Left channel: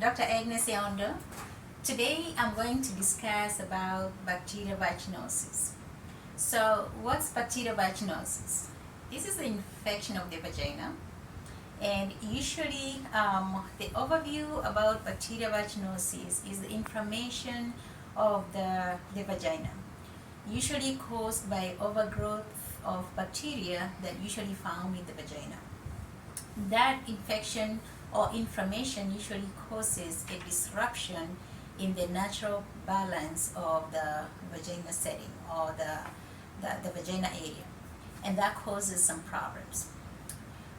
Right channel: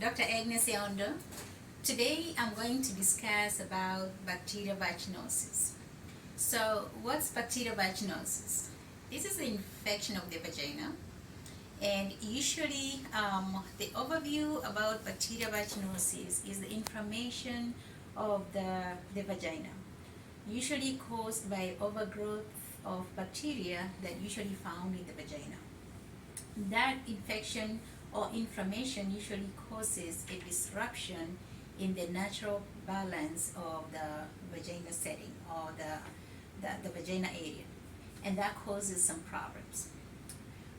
Dr. Agnes Aondo. Today I'm going to discuss about bacterial vaginosis. So, what's bacterial vaginosis? This is the infection of the vagina, and usually the overview about bacterial vaginosis is the inflammation of the vagina, usually caused by overgrowth of bacteria that usually found in the vagina. That infection or inflammation usually causes a disruption in the natural balance of the vagina setting or the vagina area, and that causes some problems.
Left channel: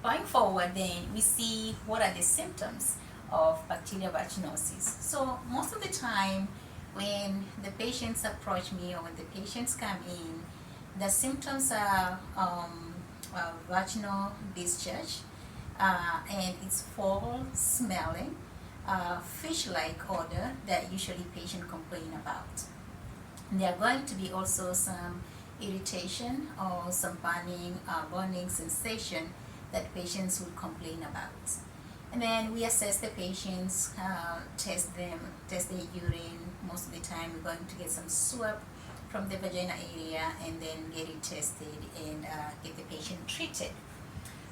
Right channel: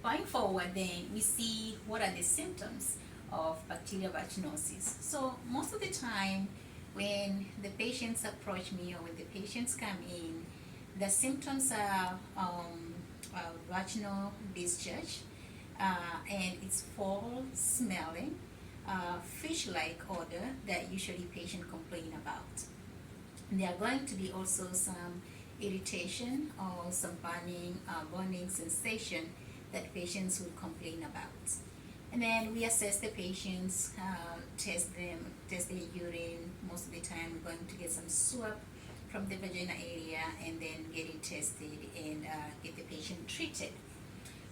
Going forward, then we see what are the symptoms of bacterial vaginosis. So, most of the time, when the patients approach me or when the patients come in, the symptoms are vaginal discharge, and it's foul smelling, fish-like odor that usually patients complain about. There are going to be also some irritation or some burning sensation that patients will complain about. And then we assess the patients, test their urine. Most of the time, we're going to get some swab from the vagina area and then get it tested and get the patient treated.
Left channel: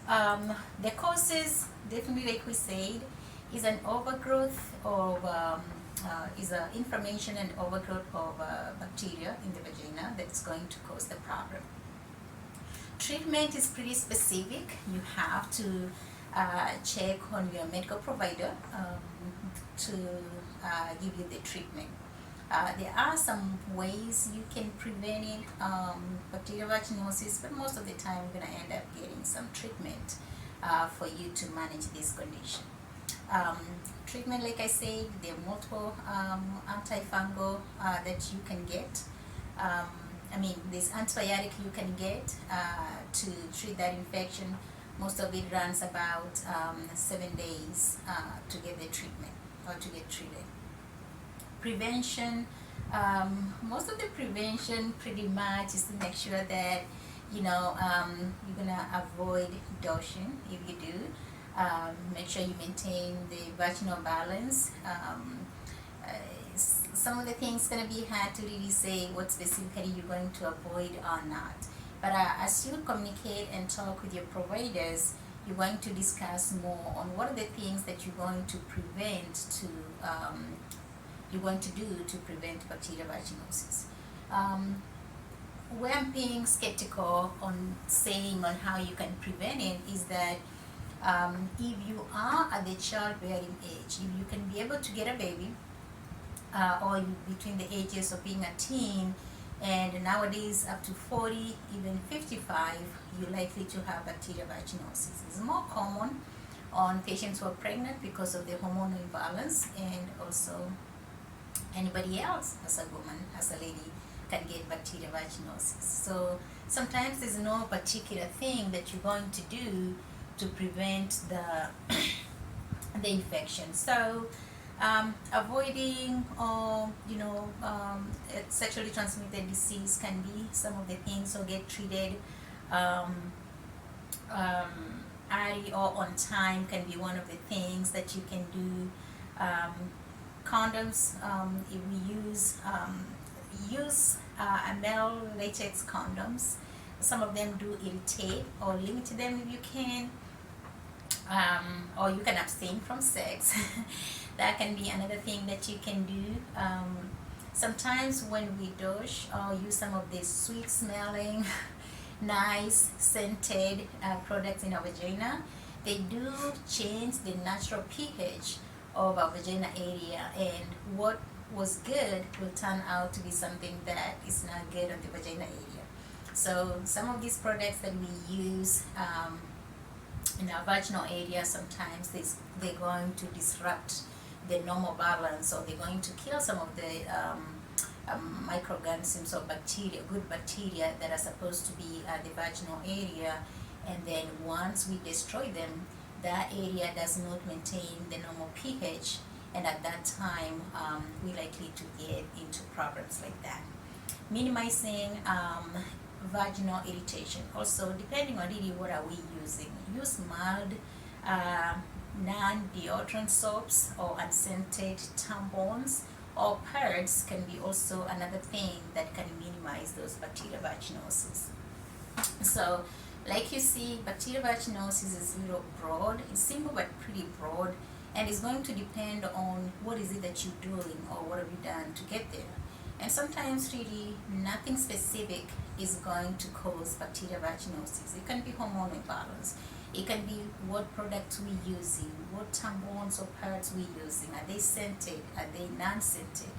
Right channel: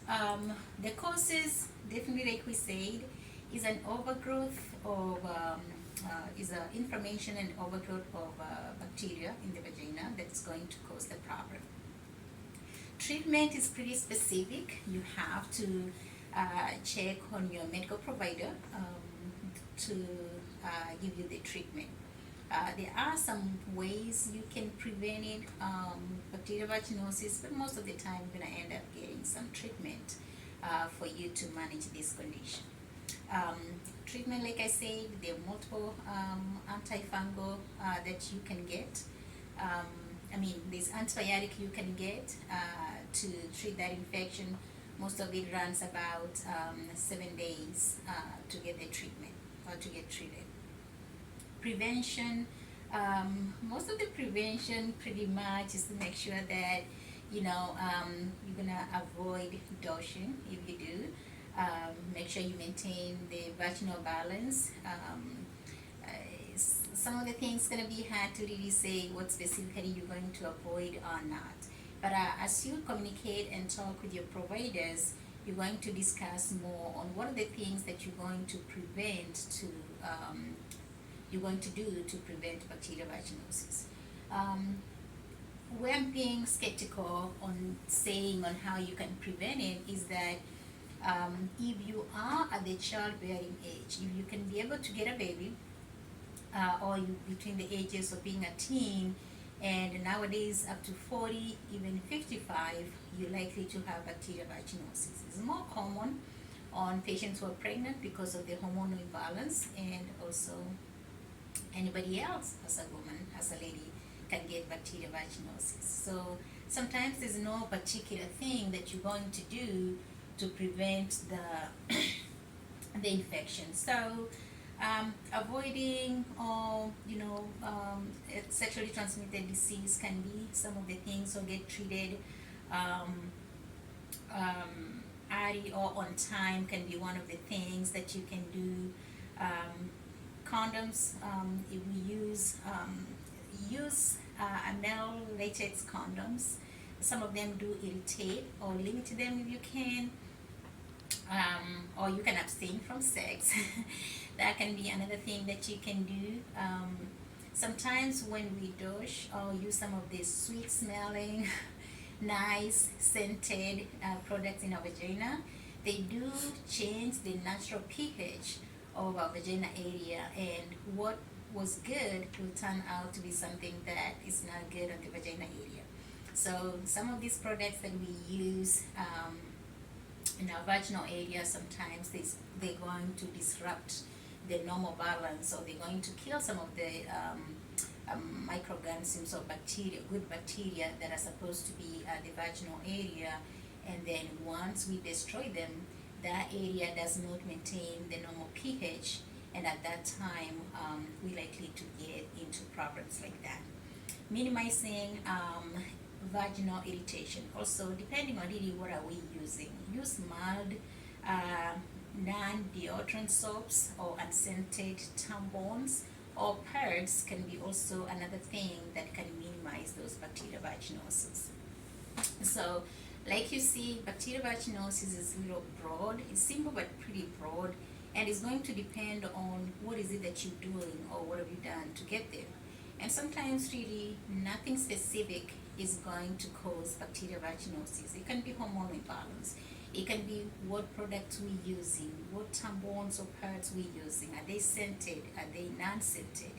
The causes, definitely like we said, is an overgrowth of is an inflammation and overgrowth of bacteria in the vagina that's going to cause the problem. Treatment is pretty specific. You have to check on your medical provider to give you the treatment. There are some ways you can prevent it, bacterial vaginosis, but most of the time you're going to end up getting some treatment for you to manage this condition. Treatment, like I said, there are multiple antifungal that you can get. There's antibiotic you can get to treat that infection. Most of it runs about 7 days to get the treatment or to get treated. Prevention, most of the prevention pretty much is to make sure that you're gonna avoid dosing. If you do, make sure you maintain the vaginal balance. Some of the things gonna be hard to really say what specifically you're going to avoid or not. But as you communicate and talk with your providers, you're going to discuss more on what are the things that you're going to do to prevent bacterial vaginosis. Where I'm being skeptical on saying on how you can prevent it is that if you are at the childbearing age, if you can be able to get a baby, or between the ages of being a teen and nowadays up to 40, even 55, you're likely to have bacterial vaginosis. It's more common on patients who are pregnant because of the hormonal imbalance, and also anybody else as a woman, as a lady, can get bacterial vaginosis. So sometimes there's no particular thing that you're going to do to prevent the infection. So avoiding sexually transmitted disease can be some of the things, so get treated early or on time can be one of the things that you can do. Condoms, if we use male latex condoms. Some of them do irritate, or limit them if you can, or you can abstain from sex. That can be another thing that you can do. Sometimes when we douche or use some of the sweet smelling nice scented products in our vagina, they do change the natural pH of our vagina area, and what was good will turn out to be something that is not good on the vagina area. So some of these products that we use in our vaginal area, sometimes they're going to disrupt the normal balance, or they're going to kill some of the microorganisms or bacteria, good bacteria that are supposed to be at the vaginal area. And then once we destroy them, that area does not maintain the normal pH, and at that time we're likely to get into problems like that. Minimizing vaginal irritation. Also, depending on really what are we using, use mild, non-deodorant soaps or unscented tampons or pads can be also another thing that can minimize those bacterial vaginosis. So, like you see, bacterial vaginosis is a little broad. It's simple but pretty broad, and it's going to depend on what is it that you're doing or what have you done to get there. And sometimes, really, nothing specific is going to cause bacterial vaginosis. It can be hormone imbalance. It can be what products we're using, what tampons or pads we're using. Are they scented? Are they non-scented?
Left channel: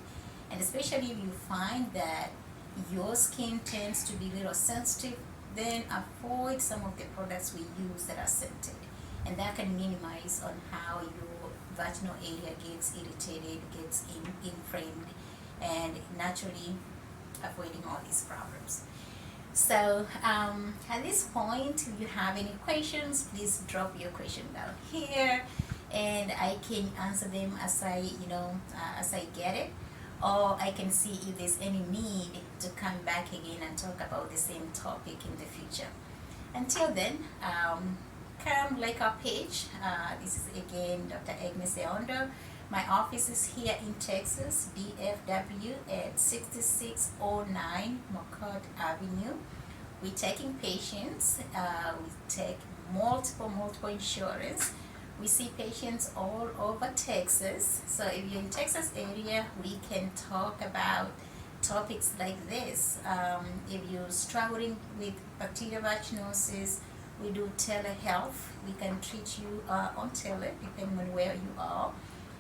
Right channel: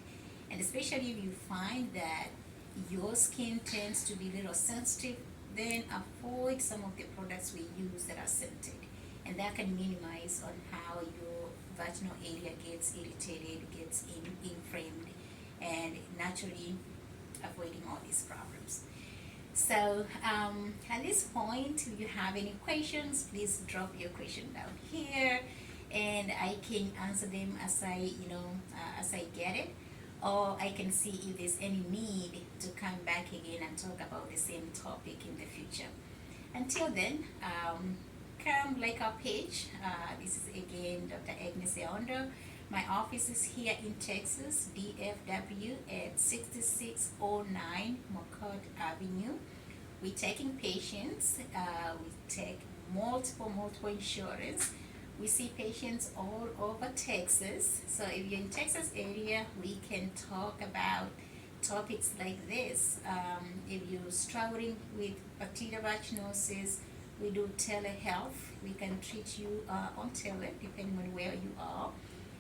And especially if you find that your skin tends to be a little sensitive, then avoid some of the products we use that are scented. And that can minimize on how your vaginal area gets irritated, gets inflamed, and naturally avoiding all these problems. So at this point, if you have any questions, please drop your question down here, and I can answer them as as I get it, or I can see if there's any need to come back again and talk about the same topic in the future. Until then, come like our page. This is again Dr. Agnes Aondo. My office is here in Texas, DFW at 6609 McCord Avenue. We're taking patients. We take multiple insurance. We see patients all over Texas. So if you're in Texas area, we can talk about topics like this. If you're struggling with bacterial vaginosis, we do telehealth. We can treat you on tele, depending on where you are.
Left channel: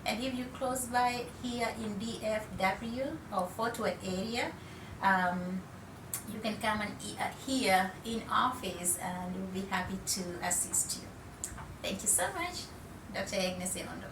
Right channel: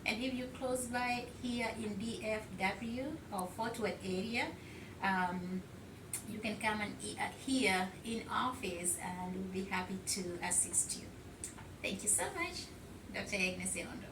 And if you're close by here in DFW or Fort Worth area, you can come and here in office, and we'll be happy to assist you. Thank you so much, Dr. Agnes Aondo.